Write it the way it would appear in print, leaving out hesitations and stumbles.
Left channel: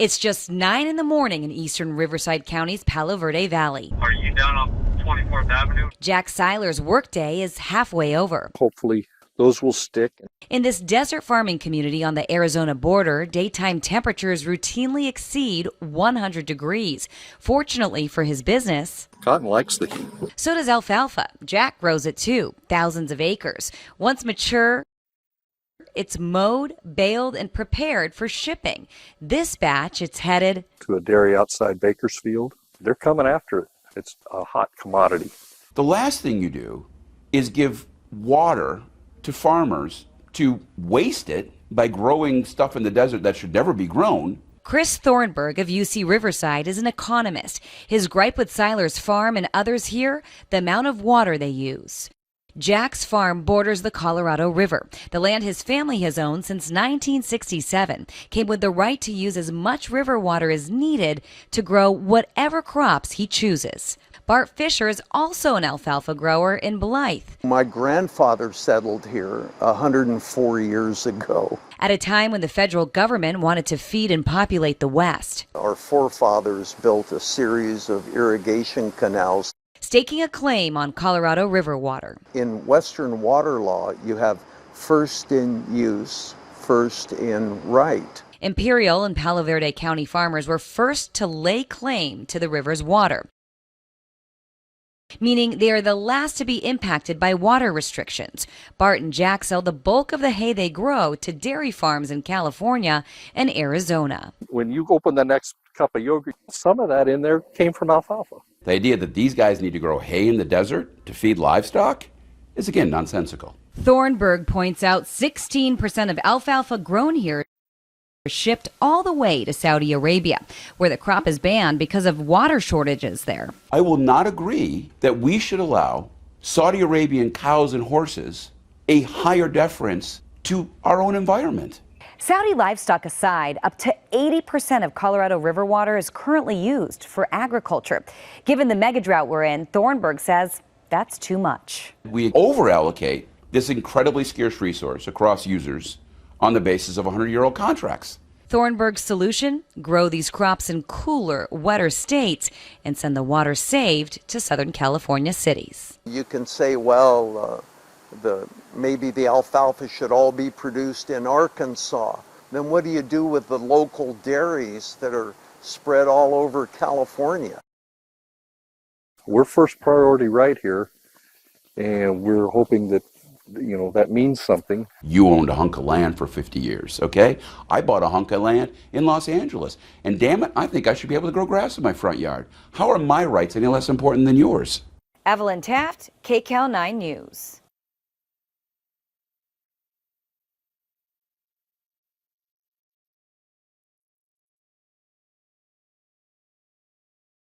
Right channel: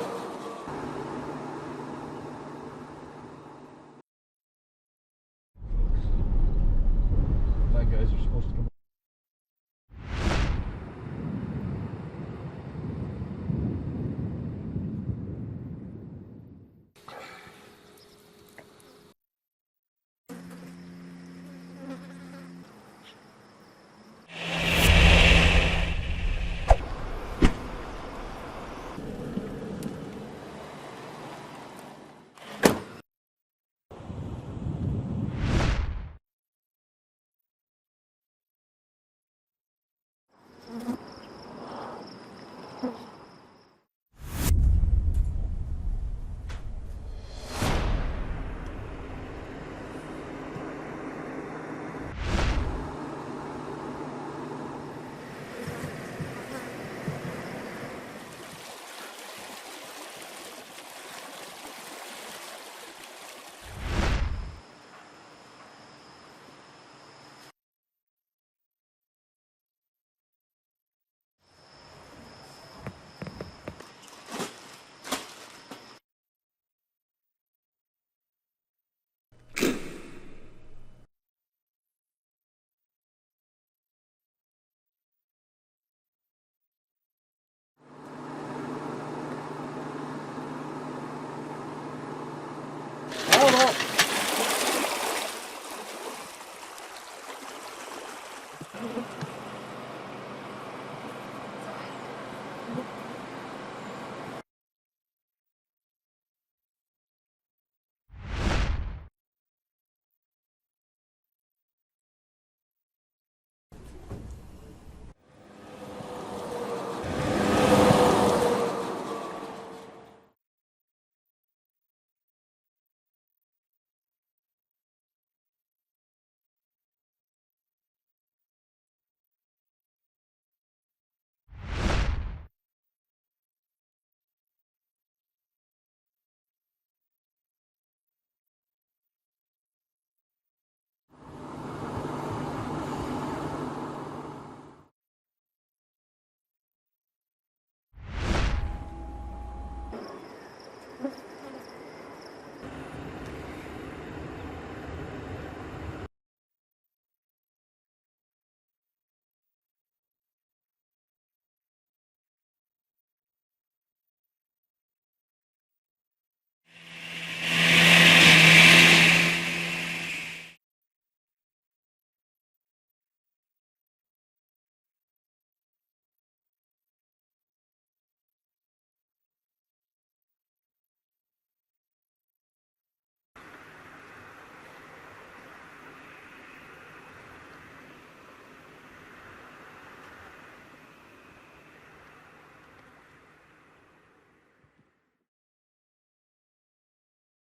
It's just 9 in the morning in eastern Riverside County's Palo Verde Valley. Are you down on 24th Avenue? Jack Seiler's workday is halfway over. Hopefully those will stick. In this desert farming community on the Arizona border, daytime temperatures routinely exceed 100 degrees. Fortunately for his business, Cotton likes the heat. so does alfalfa. Jack grows it too, thousands of acres. Once mature, it's mowed, baled, and prepared for shipping. This batch, it's headed To a dairy outside Bakersfield. They're coming after it. It's a hot commodity. The last thing you do is give water to farmers to waste it by growing stuff in the desert that should never be grown. Chris Thornburg of UC Riverside is an economist. His gripe with Seiler's farm and others here, the amount of water they use. Jack's farm borders the Colorado River. The land his family has owned since 1967 came with the right to use as much river water as needed to grow whatever crops he chooses. Bart Fisher is also an alfalfa grower in Blythe. My grandfather settled here 104 years ago. At a time when the federal government wanted to feed and populate the West. Our forefathers built a series of irrigation canals. Staking a claim on Colorado River water. In Western water law, you have first in use, first in right. Imperial and Palo Verde County farmers were first to lay claim to the river's water, meaning they are the last to be impacted by water restrictions. Bart and Jack sell the bulk of the hay they grow to dairy farms in California and Arizona. When you open the next cup of yogurt, some of that in there came from alfalfa. The idea that these guys need to grow hay in the desert to feed livestock is again nonsensical. Thornburg points out 16% of alfalfa grown here are shipped all the way to Saudi Arabia, where the crop is banned because of water shortages there. I will not agree that we should allow Saudi Arabian cows and horses a higher deference to our own environment. Saudi livestock aside, up to 80% of Colorado River water is currently used for agriculture. Given the mega drought we're in, Thornburg says that's too much. We over-allocate this incredibly scarce resource across users on the basis of 100-year-old contracts. Thornburg's solution? Grow these crops in cooler, wetter states and send the water saved to Southern California cities. You can say, well, maybe the alfalfa should all be produced in Arkansas. Then what do you do with the local dairies that are spread all over California? We're first priority right here, and we're hoping that that means something. You owned a hunk of land for 50 years, okay? I bought a hunk of land in Los Angeles, and damn it, I think I should be able to grow grass in my front yard. How are my rights any less important than yours? Evelyn Taft, KCAL 9 News.